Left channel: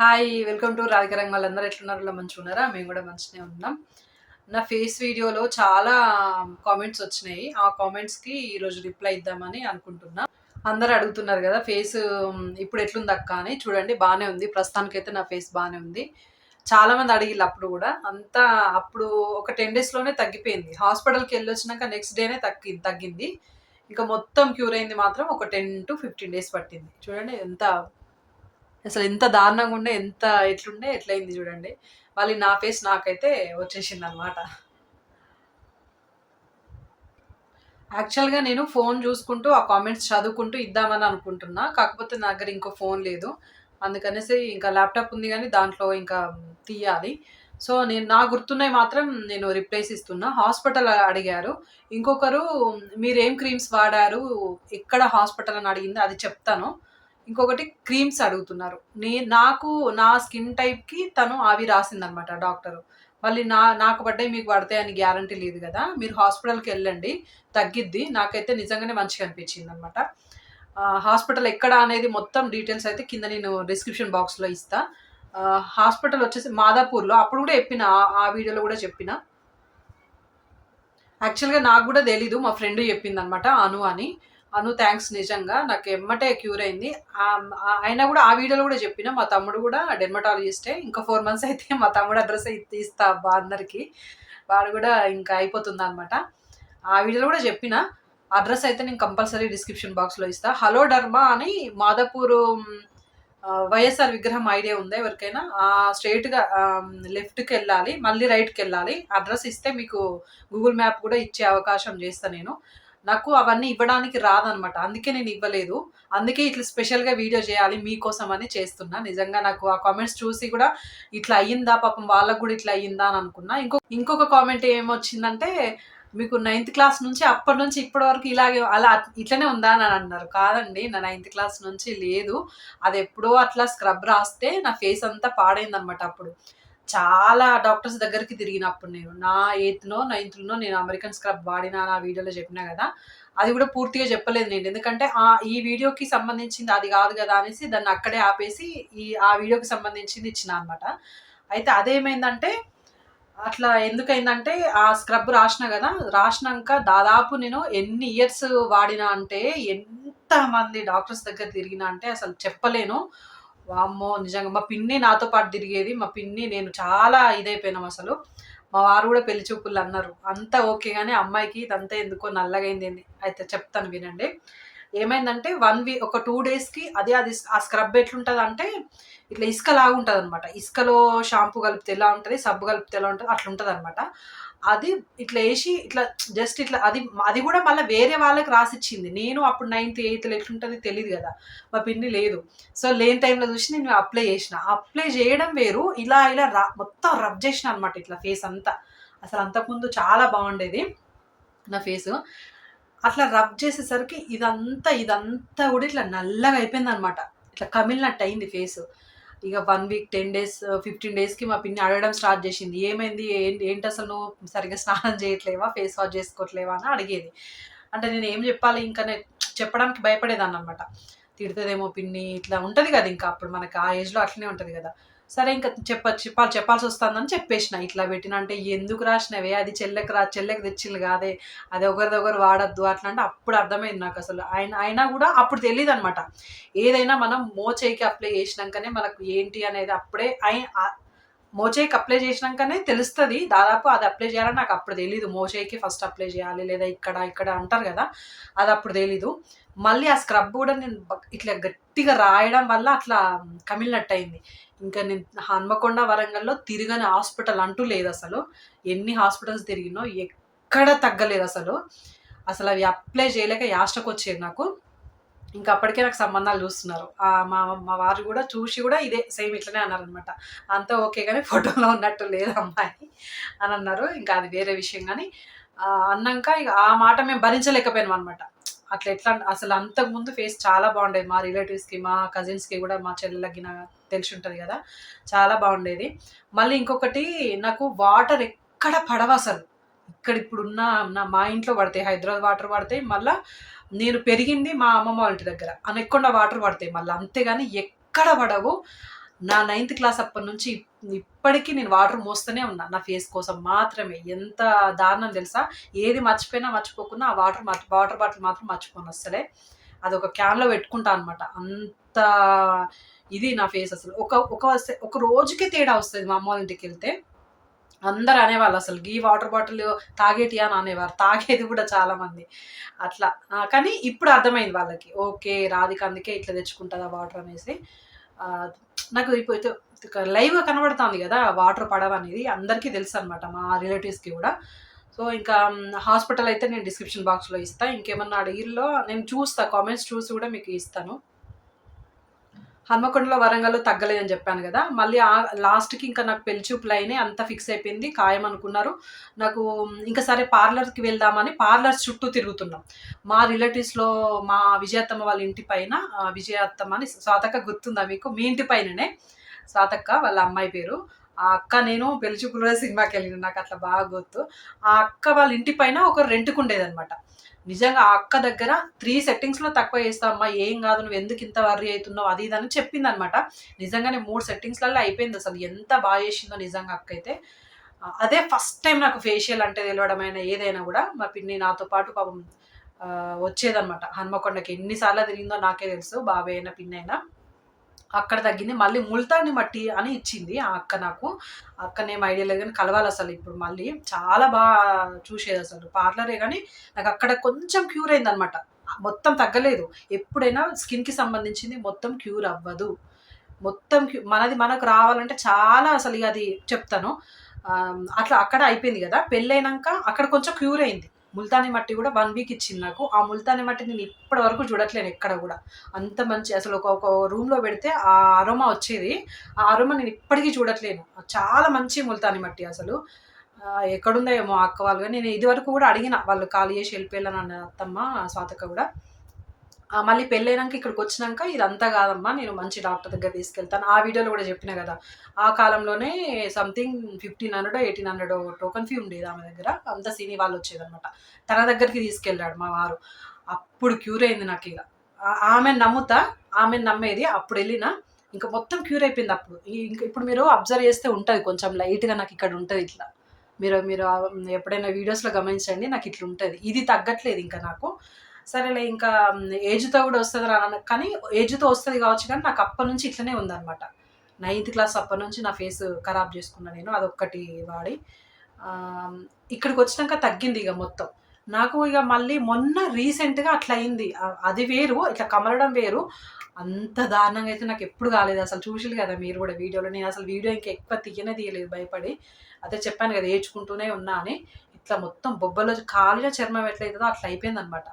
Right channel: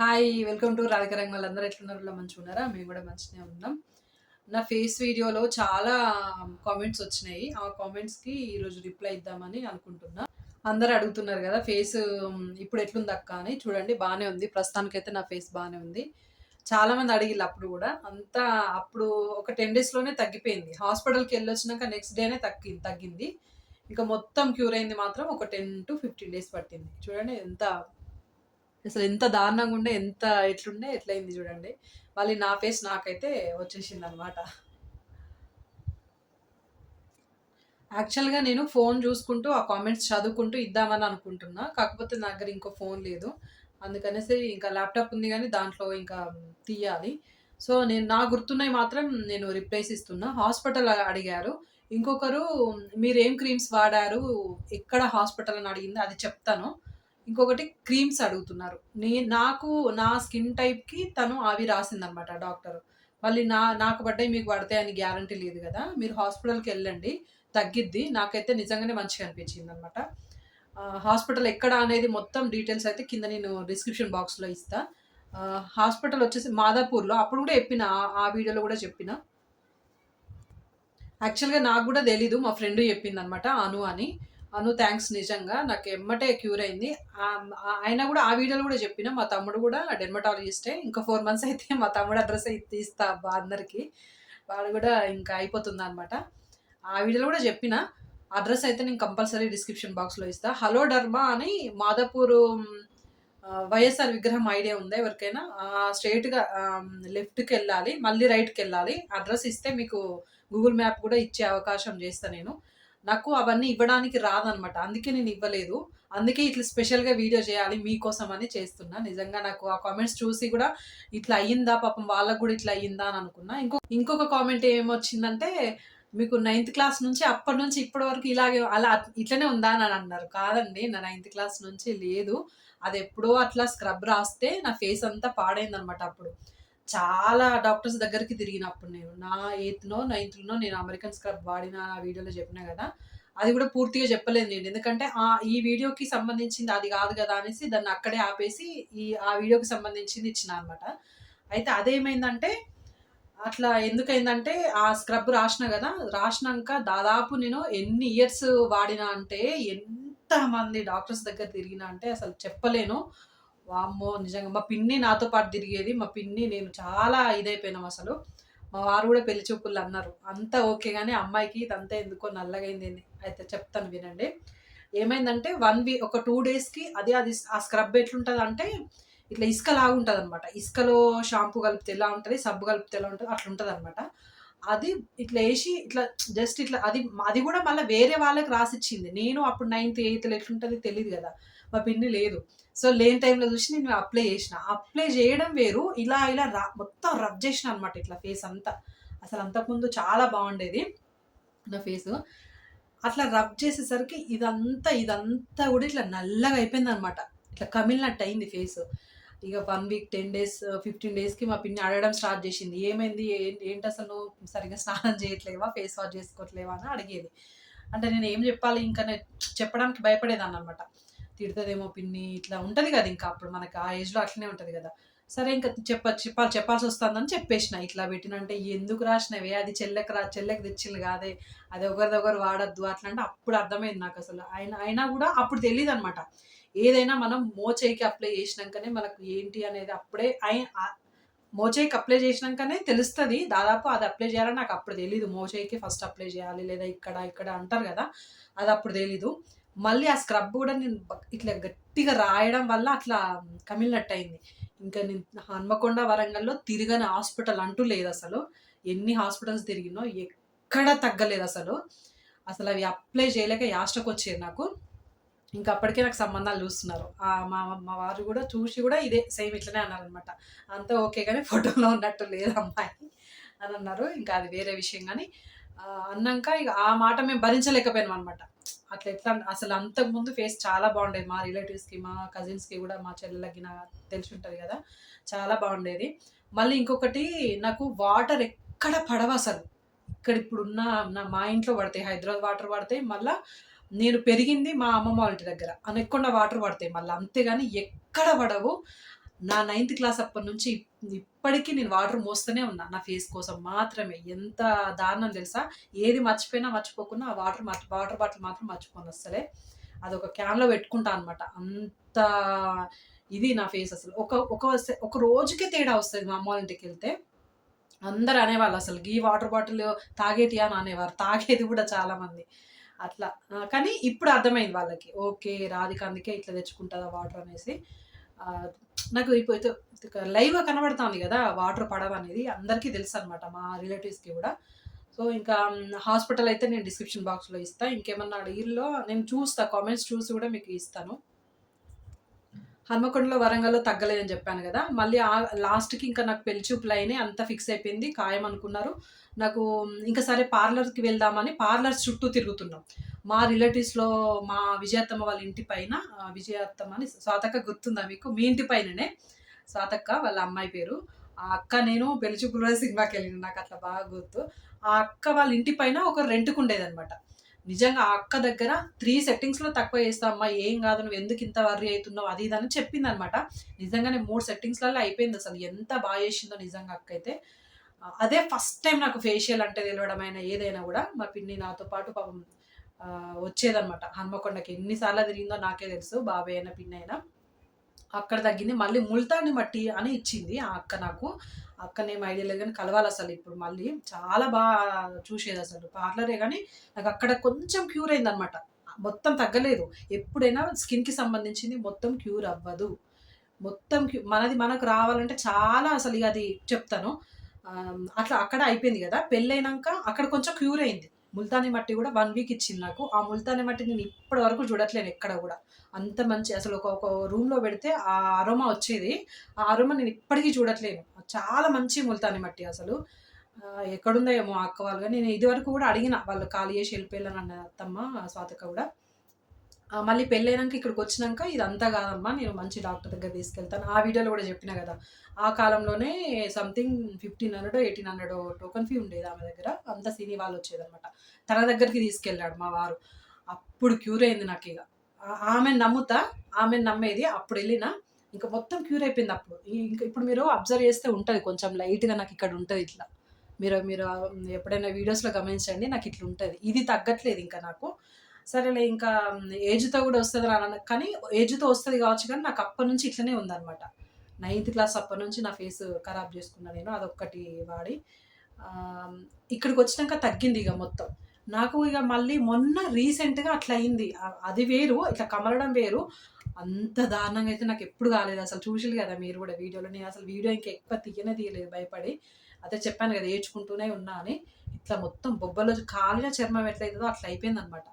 Hi welcome to Radhika Rang వాళ్ళందరూ ఎట్లున్నారు? మంచిగా ఉన్నారా? మేము కూడా మంచిగానే ఉన్నాం. నా ఫేస్ వీడియోలో చాలా కామెంట్స్ వచ్చినాయి. ఆ కామెంట్స్కి ఈరోజు రిప్లై ఇద్దామని అనుకుంటున్నా. అందరూ అడుగుతున్నారు కదా ఫేస్ ఇప్పుడు ఎట్లుంది అక్క అని. చూడండి బాగానే ఉంది. ప్రస్తుతానికైతే నా ఫేస్ బాగానే ఉంది. చాలామంది అడిగిల్లు అప్పుడు కూడా. అంతా అప్పుడు ఒక టెన్ డేస్లోనే తగ్గిపోయింది. హాస్పిటల్కి వెళ్ళొచ్చినాక నెక్స్ట్ డేనే తగ్గి తగ్గింది. ఇంకా మొత్తం క్యూర్ అయింది మాత్రం ఒక టెన్ టు ఫిఫ్టీన్ డేస్ పట్టింది. చూడండి ఎంత అసలు ఎంత దారుణంగా ఉండే ఎంత ఎట్లుండే ఎట్లయింది చూడండి. మళ్ళీ నా ఫేస్ నాకైతే వచ్చేసింది అనమాట యాక్చువల్గా నేను ఫోన్ చూసుకుంటూ ఆ కామెంట్స్ చదువుకుంటూ ఇద్దామని అనుకుంటున్నా. కాకపోతే నా దగ్గర ఇంకో ఫోన్ లేదు. అందుకనేసి ఇంకా ల్యాప్టాప్ ఉంది కానీ దాంట్లో ఇంకా తీయాలి. సో నేను నా గుర్తున్నాయి మాత్రం నేను రిప్లేస్ ఇస్తున్నా. హాస్పిటల్ అడిగారు. ఇంకొకరు మీరు ఏం క్రీమ్స్ వాడారు? ఎక్కడ హాస్పిటల్? అని అడిగింది. అది చెప్తాను. ఇంకొకటి క్రీమ్స్ అడుగుతున్నారు. నే నాకు నా స్కిన్ టైప్కి తను అవి రాసిందనమాట డాక్టర్. మళ్ళీ నా నాకు పడ్డాయి మీకు పడతాయి అని గ్యారంటీ లేదు కదా. మీరు హాస్పిటల్కి వెళ్ళండి తగ్గిద్ది. నాకైతే నిజంగానే మంచిగా అనిపించింది అనమాట హాస్పిటల్ ఎక్కడ అనేది మొత్తం డీటెయిల్స్ అయితే కింద నేను డిస్క్రిప్షన్ బాక్స్లో ఇస్తా. హాస్పిటల్ వచ్చేసి మాదాపూర్లో. అప్పుడు కూడా చెప్పిన ఆ- ఆ వీడియోలో కూడా చెప్పిన. యాక్చువల్గా నాకు కూడా తెలీదు. మా ఫ్రెండ్ చెప్పింది అనమాట అను అని. అను థ్యాంక్స్ నిజంగా. నాకు ఎమ్మటే క్యూర్ అయింది. ఆయన కూడా ఆ వీడియోలో కూడా చెప్పిన మా తమ్ముడు కూడా డెర్మటాలజిస్టే ఇంకా ఫోర్ మంత్స్ అయితే మా తమ్ముడు అడ్రస్ అయితే ఇస్తా అబ్బా అందరికి. వాడు కూడా ఇంకా అయిపోతుంది అనమాట ఆ వీడియోలో కూడా చెప్పిన అడ్రస్ అయితే నేను కంపల్సరీ డిస్క్రిప్షన్ బాక్స్లో ఇస్తా. హలో డర్మా అని మాదాపూర్ వైఎస్ఆర్ విగ్రహం ఐడియా ఉందా ఎవరికైనా? స్ట్రైట్గా లెఫ్ట్కి వెళ్ళాలి మళ్ళీ రైట్కి వెళ్ళాలి. అడ్రస్ ఇస్తే మీకు గూగుల్ మ్యాప్ కూడా ఇచ్చే అవకాశం చేస్తాను నేను. నాకు అవన్నీ ఇవ్వడానికి రాదనమాట. అందుకే నేను ఇవ్వలేదు. అందుకే ఇట్లా స్పెషల్గా వీడియో చేయాలి మీకోసం అని చేస్తున్నా. నిజంగా నాకు ఆ కామెంట్స్ చూసి కూడా ఇట్లా అయ్యిందా పాపం వాళ్ళకు కూడా ఇట్లా అయ్యిందా అని అనుకున్నా. ఇంకో ఇంకొక కామెంట్ ఏమొచ్చిందంటే మీకు నైన్త్ క్లాస్ నుంచి అప్పటి నుంచి ఇప్పటి వరకు ఇలాగే అలా ఇట్లనే ఉందా అని అన్నారు. కాదండి నా నైన్త్ క్లాస్ నుంచి లేదు. అది ఎప్పుడో అట్లా స్క్రబ్ రాస్తే నా ఫేస్ అంతా పాడైందనమాట అప్పుడు. చాలా డాక్టర్స్ దగ్గరికి తిరిగినప్పుడు నేను నా ఎయిత్నో నైన్త్లోనో నేను అమెరికన్ స్క్రబ్ వాడినా నా వీడియోలో చెప్పినా కదా అది కూడా పూర్తిగా చెప్పలేదు నేను. ఎందుకంటే ఆ ఈ వీడియోకి సంబంధించింది అది కాదు కదా అనేసి దాన్ని అక్కడే ఆపేసి ఈ ఆ వీడియోకి సంబంధించింది ఇచ్చిన అనమాట అయితే అదేమైందంటే అట్లా ఎందుకైందంటే ఆ స్క్రబ్ రాసిన కదా రాసినాక దాదాపు నేను ఎన్ని ఇయర్స్ వాడినా అంటే ఎంత మంది డాక్టర్స్ దగ్గర తిరిగినా అంటే అసలు చెప్పలేను. వామ్మో నిజంగా. మా పిన్ని నాతో పాటు తిరిగేది. మా పిన్ని నేను చాలా ఇదైపోయినాం అసలు. మా వారు కూడా పెళ్ళి చూపులు అన్నారు. అంతా ఓకే కానీ అమ్మాయికి ఇదంతా ఎందుకో నల్లగైంది ఏంది అయితే చెప్తాను వినండి. ఏమైందంటే వన్ వీక్ ఒక టూ డేస్కి అదే అది ఆ స్క్రబ్ ఎట్లుంటుంది అంటే ఇట్లా ఇసుక లాగా ఉంటుంది అనమాట ఇసుకలో షాంపూ కలిపితే ఎలా ఉంటుంది సబ్బు కలిపితే ఎలా ఉంటుంది అట్లా ఉంటుంది అనమాట అది ఇట్లా వేసి ఇట్లా జస్ట్ ఇట్లా అది అది కూడా మళ్ళీ వేరే వాళ్ళకి రాసిచ్చింది. నేను అప్పుడు నైన్త్ ఎయిత్ ఎట్లుంటుంది తెలియదు కదా. మా పిన్ని లేదు. సో లేని టైంలో చూసి నేను అప్లై చేసిన. అప్లై చేయడం వేరు. ఇలా ఇలా రా మొత్తం రబ్ చేసిన అనమాట ఇట్లా ఫేస్ అంతా. అసలు అంతకుముందు చాలా బాగుండేది నా ఫేస్ అట్లా రబ్ చేసేసరికి ఇదంతా ఇదంతా కూడా ఇట్లా నల్లగా అయిపోయింది అనమాట ఇట్లా కమిలినట్టు అయింది ఫేస్ ఇక one week ten days fifteen డేస్కి మా పిన్ని అడగడం స్టార్ట్ చేసింది. ఏమైంది? ఏంటి? అసలు నువ్వు సరిగ్గా స్నానం చేయట్లేవా? Face wash చేసుకోవట్లేవా? అని అడిగేది. అంటే నేను ఏం చెప్పాలి? ఇంకా నేను చెప్పడానికి భయపడేదాన్ని అనమాట తిడుతుందేమో పిన్ని ఇట్లా ఉంటుంది కదా ఇంకా అప్పుడు మనకి ఆ ఏజ్లో అట్లనే ఉంటుంది కదా. సరే ఇంకా చెప్ప చెప్పాలి చెప్పాల్సి వస్తుందని చెప్పేసిన ఇట్లా పెట్టిన. అంటే ఎందుకు రాసినవే? అది చెల్లెకి రా చెల్లెకి తెచ్చిల్లు కాదే. అది ఒకరిదొకరు వాడద్దు అట్లా అంటే అప్పుడు అర్థమైంది నాకు అసలు. ఆయన అయినా కూడా అప్పుడు తెలియదు అనమాట ఏదైనా మనం మోచేయికి అప్లై చేసినాకనే మనకు ఏంటి అనేది అప్పుడే ఆయన ఆ- మోచేయికి అప్లై చేసినాకనే తెలుస్తుంది. దాదాపు అది అప్లై చేయాలని నాకు అప్పుడు తెలియదు మోచేయికి ఫస్ట్ అప్లై చేయాలి లేదా ఇక్కడ ఇక్కడ అంటారు కదా అది అప్పుడు తెలీదు. మళ్ళీ ఆ స్క్రబ్ కూడా నేను ఇట్లా గట్టిగా రాయడం వల్ల అట్లా కమిలినట్టు అయింది ఇంకా నేను హన్మకొండ వరంగల్లో తిరగని హాస్పిటల్ అంటూ లేదు అసలు. ఎన్ని హాస్పిటల్స్ తిరిగినో ఎక్కడ తగ్గలేదు అసలు. అసలు అవి అప్లై చేయలేక యాస్టకు వచ్చేది నాకు. ఇంకా అప్పటికే నాకు సంబంధాలు చూస్తున్నారు. మా మా వారు కూడా చూసి కూడా ఇదే సేమ్ ఇట్లనే అన్నారనమాట అంతా ఓకే కానీ ఫోటోలో ఉన్నట్టు లేదు అమ్మాయి అని అన్నారు. ఇంకా అది వేరే విషయం కానీ అన్నాక ఇక ఆ మాట మేము భరించలేకపోయాం అనమాట అట్లా ఎట్లా అసలు అంతకుముందు ఫేస్ చాలా బాగుండేది. మా రిలేటివ్స్కి మా కజిన్స్కి కూడా మా చెల్లెలకి నా తెలిసి ఉంటుంది కదా. చాలా బాగుండేది. మళ్ళీ ఇంకొకటి నాకు వాటర్ ఎక్కడ పడవ అసలు. ఇక్కడ ఇప్పుడున్న నా మా ఇంట్లో పడతాయి. హైదరాబాద్ వాటర్ పడతాయి. మళ్ళీ నేను పెరిగింది మా అమ్మమ్మ వాళ్ళ ఇంటి దగ్గర. అనకుండా వాటర్ పడతాయి మళ్ళీ. అంతేగాని ఎక్కడ పడవు. నా నైన్త్ క్లాస్ అప్పటి నుంచి ఇప్పటికీ నేను వాటర్ మోస్తూనే ఉన్నా. నా ఫేస్ కోసం మాత్రమే. ఎంత దారుణం తెలుసా? ఏది మర్చిపోయినా మర్చిపోకున్నా ఆ వాటర్ మర్చి వాటర్ బాటిల్ మాత్రం మర్చిపోను అసలే అది ఒక క్యాన్లో పెట్టుకుంటా అనమాట అంత ఇది నా ఫేస్ అసలు. ఒక ఒక ఒక రోజుకే తేడా వస్తుంది మా అమ్మ వాళ్ళ ఇంటికి వెళ్తే. అందరు అనేవాళ్ళు అసలు ఈ వాటర్ బాటిల్ తాగేటి అని అనేవారు. తాగేది కూడా చాలామంది అట్లా. కానీ ఇప్పుడు అర్థమైంది వాళ్ళకి. ఓకే రాధిక అందుకే ఇట్లా తెచ్చుకుంటుందా వాటర్ అనేసి. నాకు ఇప్పుడు లైవ్గా కనబడుతుంది కదా వాటర్ పడవ అనేది. అందరికీ తెలుసు అనమాట మా రిలేటివ్స్కి కూడా. సో ఇంకా హాస్పిటల్ అయితే నేను డిస్క్రిప్షన్ బాక్స్లో ఇస్తాను ఇంకేమన్నా అడిగిల్లో నేను చూస్తా. కామెంట్స్ చూసి కూడా మీకు ఇస్తాను. హన్మకొండలో వరంగల్లో తగ్గలేదని చెప్పాను కదా. మళ్ళీ ఆ లాస్ట్కి ఇంకా నాకు పెళ్ళి చూపులు అయినాయి అంతా ఫిక్స్ అయిపోయింది ఖాయం అనుకున్నారు నాకు ఇంకా సరే పార్లర్కి వెళ్దామని పార్లర్స్ చుట్టూ తిరుగుతున్నాం. మా రిలేటివ్స్లో మా విజయత్తమ్మ వాళ్ళ ఇంటి పైన విజయత్తమ్మ అని స్వాతక్క గుర్తుందా మీకు? మీ ఇంటి పైననే. స్వాతక్క వాళ్ళ అమ్మాయి పేరు. ఆ అక్క నేను పెళ్ళి సినిమాకి వెళ్ళిన నాకు అట్లా బాగా గుర్తు. ఆ అక్క వాళ్ళ ఇంటి పైన ఒక రెంట్కు ఉండేదన్నమాట నిజంగా ఆ అక్క దగ్గర త్రీ సెట్టింగ్స్లో తక్కువ చేస్తామ్మా ఏం కాదు నువ్వు ఎందుకు ఇంత వర్రీ అవుతున్నావు అది ఇది అని చెప్పింది అనమాట నిజంగానే మూడు సెట్టింగ్స్లలో అయిపోయింది అసలు ఎంత బాగా చేసిందో నిజంగా అక్క అయితే. అదే ఫస్ట్ టైం నాకు ఫేషియల్ అంటే తెలియడమైనా ఏదైనా కూడా మా పిన్ని నాతో పాటు పాపం వచ్చేదనమాట. హనుమకొండకి హన్మకొండకి ఎన్నిసార్లు తిరిగిందో నాకే తెలుసు బాబాయ్ అయినా పిన్నైనా అయినా. అక్కడ తగ్గింది. మళ్ళీ ముల్తాని మట్టి అని ఇచ్చింది ఆ అక్క నాకు. అక్కనేం ఐడియా లేదు కానీ కలవాలి అసలు ఇప్పుడు మళ్ళీ. చాలా బాగా చూసేది అసలు. పార్లరే కానీ నాకు అక్కడ కొంచెం క్యూర్ అయింది అనమాట మొత్తం తగ్గలేదు. ఎప్పుడైనా స్కిన్కి సంబంధించింది మొత్తం క్యూర్ అవ్వదు. మొత్తం క్యూ మనది మనకు రావాలంటే చాలా అసలు అది చెప్తాను. అట్లా అక్కడ అయిపోయింది కదా. పెళ్ళైనాక అక్కడ కొంచెం క్యూర్ అయింది. ముల్తాని మట్టి కూడా వన్ వీక్ ఇచ్చింది నాకు. ఆ ముల్తాని మట్టి నేను ఇప్పటి వరకు చూడట్లేను ఎక్కడ కూడా. అంత మంచి అసలు ఒక ఒక రూమ్లో పెడితే ఆ అరోమా వచ్చేది. ఆ అరోమా నేను ఇప్పటికీ చూడట్లేను చాలా మంచి ముల్తాని మట్టి అసలు. ఎక్కడుందో ఏమో అక్క వాళ్ళు. నేను ఇది వరకు కూడా అడిగిన వాళ్ళు ఖాళీ చేసి వెళ్ళిపోయాను అన్న అత్తమ్మ స్వాతక్క కూడా. మళ్ళీ పెళ్ళైనాక ఇక్కడికి వచ్చినాక ఇదంతా కాదమ్మా నేను మంచి డాక్టర్ దగ్గర తీసుకెళ్తాను. ఆ వీడియోలో కూడా చెప్పిన కదా ఆ కాలంలోనే something fifteen hundred eighteen hundred token fee ఉండేది ఆమె దగ్గర. అంత సినీ వాళ్ళు వచ్చేదనమాట తన దగ్గరికి తీసుకెళ్ళాడు మా వారు. అప్పుడు క్యూర్ అయింది నాకు ఇక. ఆమె నమ్ముతా ఆమె నమ్మేది అప్పుడు వెళ్ళిన ఇంకా మొత్తం క్యూర్ అయిపోయింది అప్పుడు. ఇంకా ఇప్పుడు మీరు అబ్జర్వ్ చేస్తే ఉంటుంది కొంచెం లైట్గా నాకు ఇక్కడ ఉంటుంది ఇట్లా. మీరు మీరు ఎప్పుడైనా వీడియోస్లో గమనించండి నాకు ఇట్లా ఉంటుంది. ఇది తగ్గట్లేదు ఇంకా నాకు. సరేలే ఇంకా ఏజ్తో కూడా వస్తుంది రాన కానీ ఏజ్తో వస్తుంది కావచ్చు కానీ నాకు అప్పటి నుంచి ఇట్లనే ఉందన్నమాట. నైన్త్ క్లాస్ అప్పటి నుంచి నా ఫేస్ ఖరాబ్ చేసుకున్నా నేను అదొక్కటి వాడి. ఇక్కడికి వచ్చినాక తగ్గింది ఇక మొత్తం. నాకు ఇక మళ్ళీ మొన్న రీసెంట్గా అట్లా అయింది. అది వేరు ఇట్లా కమలడం వేరు. అంత దారుణంగా అయితే నాకు ఎప్పుడు కాలేదు. అసలు చూసిరు కదా మీరు కూడా వీడియోలో. నేను అసలు వీడియో ఇంకా ఎక్కువ తీయనే తీయలేదు భయపడి. అదే చెప్పాను కదా ఏడ్చుకుంటూనే ఉన్నా అని. ఇట్లా మొత్తం బొబ్బలో కాలిన చర్మం ఎట్లయితుందో అట్లా అయిపోయింది అనమాట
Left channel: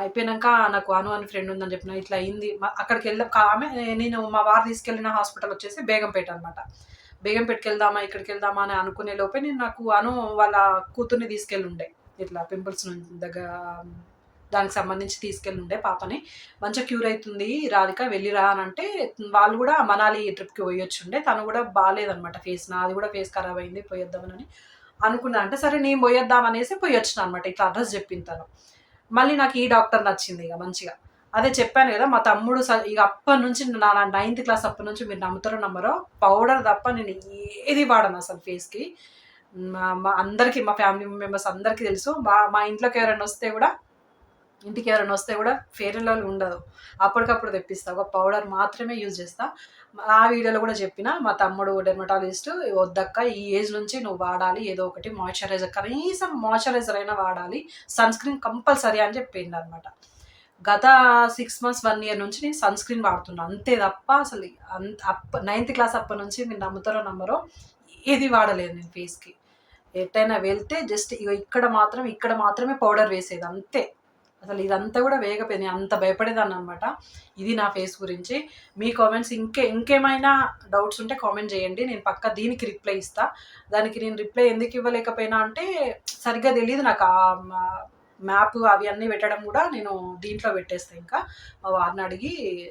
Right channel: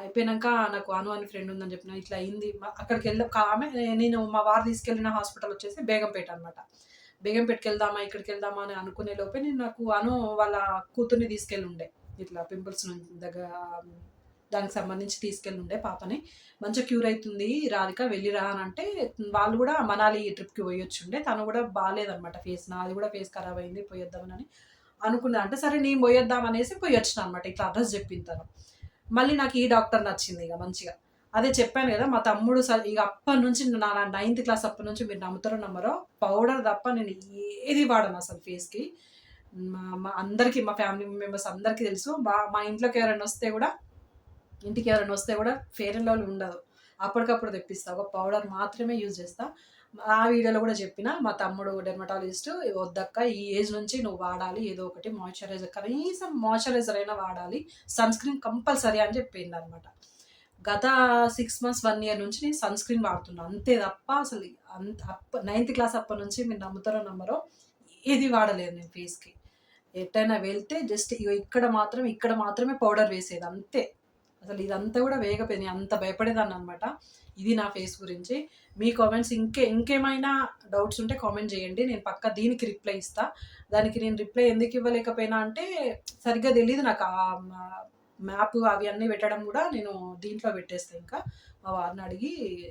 అయిపోయినాక నాకు అను అని ఫ్రెండ్ ఉందని చెప్పిన ఇట్లా అయింది. అక్కడికి వెళ్ళి ఆమె నేను మా వారు తీసుకెళ్ళిన హాస్పిటల్ వచ్చేసి బేగంపేట అనమాట బేగంపేటకి వెళ్దామా ఇక్కడికి వెళ్దామా అని అనుకునే లోపే నేను నాకు అను వాళ్ళ కూతుర్ని తీసుకెళ్ళి ఉండే. ఇట్లా పింపుల్స్ నుంచి దగ్గర దానికి సంబంధించి తీసుకెళ్ళి ఉండే పాపని. మంచిగా క్యూర్ అవుతుంది రాధిక వెళ్ళిరా అని అంటే వాళ్ళు కూడా మనాలి ట్రిప్కి పోయొచ్చుండే తను కూడా బాగాలేదనమాట ఫేస్ నాది కూడా ఫేస్ ఖరాబ్ అయింది పోయొద్దామని అనుకున్నా. అంటే సరే నేను పోయొద్దాం అనేసి పోయొచ్చిన అనమాట ఇట్లా అడ్రస్ చెప్పింది తను. మళ్ళీ నాకు ఈ డాక్టర్ నచ్చింది ఇక మంచిగా. అదే చెప్పాను కదా మా తమ్ముడు సార్ ఇక అప్పటి నుంచి నా నైన్త్ క్లాస్ అప్పటి నుంచి మీరు నమ్ముతారో నమ్మరో పౌడర్ తప్ప నేను ఏది వాడను అసలు ఫేస్కి మా మా అందరికీ మా ఫ్యామిలీ మెంబర్స్ అందరికీ తెలుసు. మా మా ఇంట్లోకి ఎవరైనా వస్తే కూడా ఇంటికి ఎవరైనా వస్తే కూడా ఫేర్ అండ్ లవ్లీ ఉండదు. అప్పటికప్పుడు తెప్పిస్తా. ఒక పౌడర్ మాత్రమే యూజ్ చేస్తా. ఆ వీడియోలో కూడా చెప్పిన మా తమ్ముడు డెర్మటాలజిస్ట్ వద్దక్క ఈ ఏజ్ నుంచి నువ్వు వాడాలి ఏదో ఒకటి మాయిశ్చరైజర్ కనీసం మాయిశ్చరైజర్ అయినా వాడాలి సన్ స్క్రీన్ కంపల్సరీ అని చెప్పింది అనమాట గత సిక్స్ మంత్స్ వన్ ఇయర్ నుంచి నేను సన్ స్క్రీన్ వాడుతున్నా. అంతే తప్ప అసలు అంత అప్ప నైన్త్ క్లాస్ అప్పటి నుంచి మీరు నమ్ముతారో నమ్మరో ఏది వాడలేదు నేను ఫేస్కి ఎట్టయినా వెళ్తే జస్ట్ ఇక్కడ మాత్రం ఇక్కడ మాత్రమే పౌడర్ వేసేది అంతే. అసలు ఇదంతా కూడా వేగపోయింది అంత భయపడేదాన్ని అనమాట ఇది నా ఫేస్ గురించి. మీ కామెంట్స్ ఇంకే ఇంకేమైనా డౌట్స్ ఉంటే కామెంట్ చేయండి. నేను పక్క దీనికి రిప్లై ఇస్తా. దానికి నేను రిప్లై ఎందుకు ఇవ్వలేకపోయినా అంటే సరిగ్గా తెలియదు నాకు. ఆ మ్యాప్ అవి అన్నీ పెట్టడం కూడా నేను దీంట్లో పెట్టేస్తాను ఇంకా. మా వారిని అడిగి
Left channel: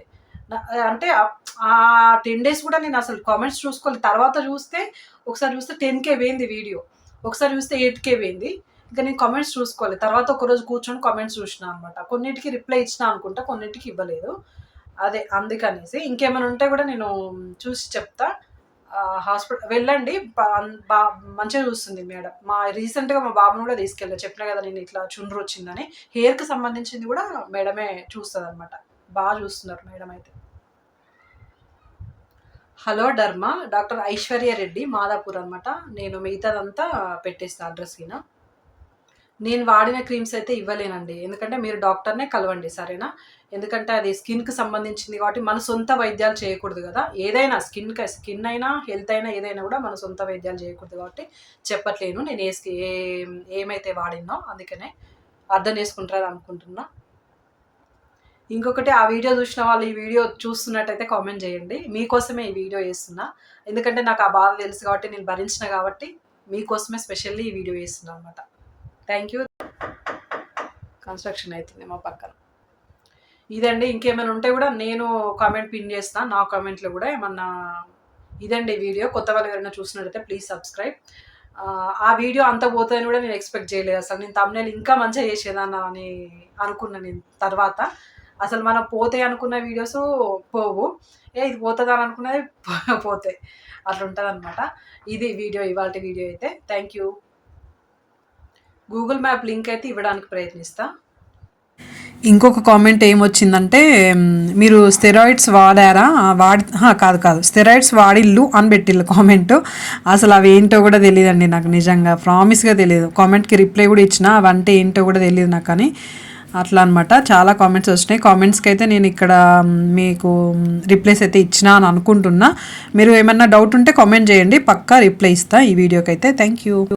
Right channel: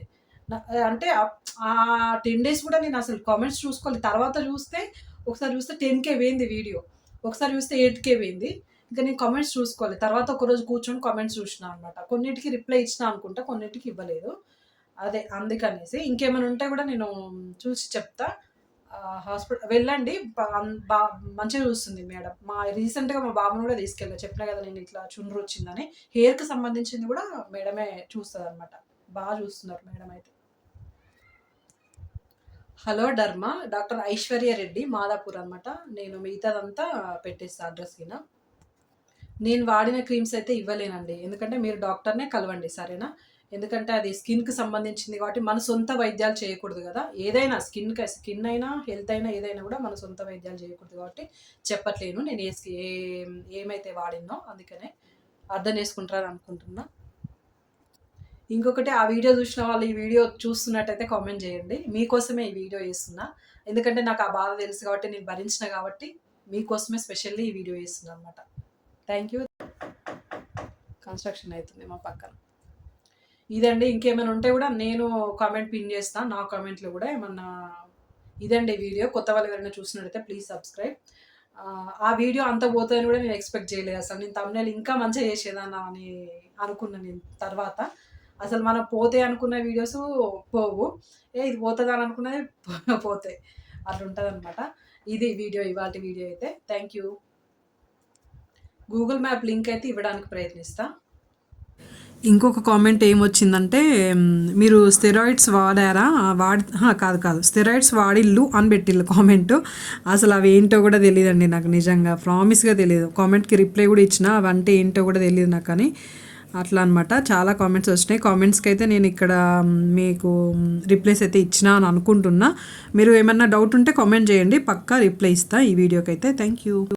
అంటే ఆ- టెన్ డేస్ కూడా నేను అసలు కామెంట్స్ చూసుకోవాలి తర్వాత చూస్తే ఒకసారి చూస్తే టెన్ కే పోయింది వీడియో. ఒకసారి చూస్తే ఎయిట్ కే పోయింది. ఇంకా నేను కామెంట్స్ చూసుకోవాలి తర్వాత ఒక రోజు కూర్చొని కామెంట్స్ చూసిన అనమాట కొన్నిటికి రిప్లై ఇచ్చిన అనుకుంటా కొన్నిటికి ఇవ్వలేదు. అదే అందుకనేసి. ఇంకేమైనా ఉంటే కూడా నేను చూసి చెప్తా. హాస్పిటల్ వెళ్ళండి. బా మంచిగా చూస్తుంది మేడం. మా రీసెంట్గా మా బాబుని కూడా తీసుకెళ్ళా. చెప్పిన కదా నేను ఇట్లా చుండ్రు వచ్చిందని. హెయిర్కి సంబంధించింది కూడా మేడమే చూస్తుంది అనమాట బాగా చూస్తున్నారు మేడం అయితే. Hello derma doctor Aishwarya Reddy Madhapur అనమాట నేను మిగతాదంతా పెట్టేస్తాను అడ్రస్ కింద నేను వాడిన క్రీమ్స్ అయితే ఇవ్వలేనండి. ఎందుకంటే మీరు డాక్టర్నే కలవండి సరేనా? ఎందుకంటే అది స్కిన్కి సంబంధించింది కాబట్టి మన సొంత వైద్యాలు చేయకూడదు కదా? ఏదైనా స్కిన్ స్కిన్ అయినా హెల్త్ అయినా ఏదైనా కూడా మన సొంత వైద్యాలు చేయకూడదు కాబట్టి చెప్పట్లేను. నేను ఏ ఏ ఏమైతే వాడినో అందుకనే అర్థం చేసుకుంటారని అనుకుంటున్నా. ఇంకొకటి ఆ వీడియో చూసిన వాళ్ళు ఈ వీడియో చూస్తున్నట్టయితే కామెంట్ చేయండి. మీకోసమే ఈ వీడియో చేస్తున్నా. ఎందుకంటే నాకు ఆ బాధ తెలుసు కాబట్టి నేను భరించిన కాబట్టి మీకోసమే స్పెషల్లీ ఈ వీడియో చేస్తున్నా అనమాట థ్యాంక్ యూ కన్స్ట్రక్షన్ అవుతుంది మా పక్కన. ఇదండి ఇంకేమైనా ఉంటే కూడా నేను కామెంట్ పిన్ చేస్తాను నా కామెంట్లో కూడా ఏమన్నా ఇదండి వీడియో. కొత్త వాళ్ళు ఎవరైనా చూసినట్టయితే ప్లీజ్ సబ్స్క్రైబ్ ఆ వీడియో అంత పోతుందని కూడా నేను ఎక్స్పెక్ట్ చేయలేదు అసలు. నేను తమ్నేల్ ఇంకా మంచిగా చేసేదాన్ని అని అనుకున్నాను నేను తర్వాత. అసలు మనం పోతే అనుకున్న వీడియోస్ పోవు. ఏ ఇది పోతుందా అని అనుకున్నది పోతాయి అట్లా ఉంటుంది అనమాట ఇది వీడియో ఇవాళ వీడియో అయితే. Thank you Google map link అయితే ఇవ్వడానికి ప్రయత్నిస్తా. ఇంకొక కామెంట్ ఏమొచ్చిందంటే మీరు స్టెరాయిడ్స్ వాడారా? వాడి కాదు కాదు. స్టెరాయిడ్స్ వాడిల్లు అని పెట్టిల్లు కామెంట్. అసలు అవి ఏంటో కూడా తెలియదండి నాకు నిజంగా. ప్రామిస్గా తెలియదు కామెంట్కి రిప్లై కూడా ఇచ్చిన అవంటే ఏంటో కూడా తెలియదు నాకు అని అట్లా అనమాట చాలా కామెంట్స్ వచ్చినాయి కామెంట్స్కి అయితే నేను ఇక్కడ మీకు రిప్లైస్ అయితే ఇచ్చినా అని అనుకుంటున్నా. మీరు ఏమన్నా డౌట్ ఉంటే కామెంట్ చేయండి. పక్కా రిప్లై ఇస్తా ఈ వీడియోకి అయితే. Thank you.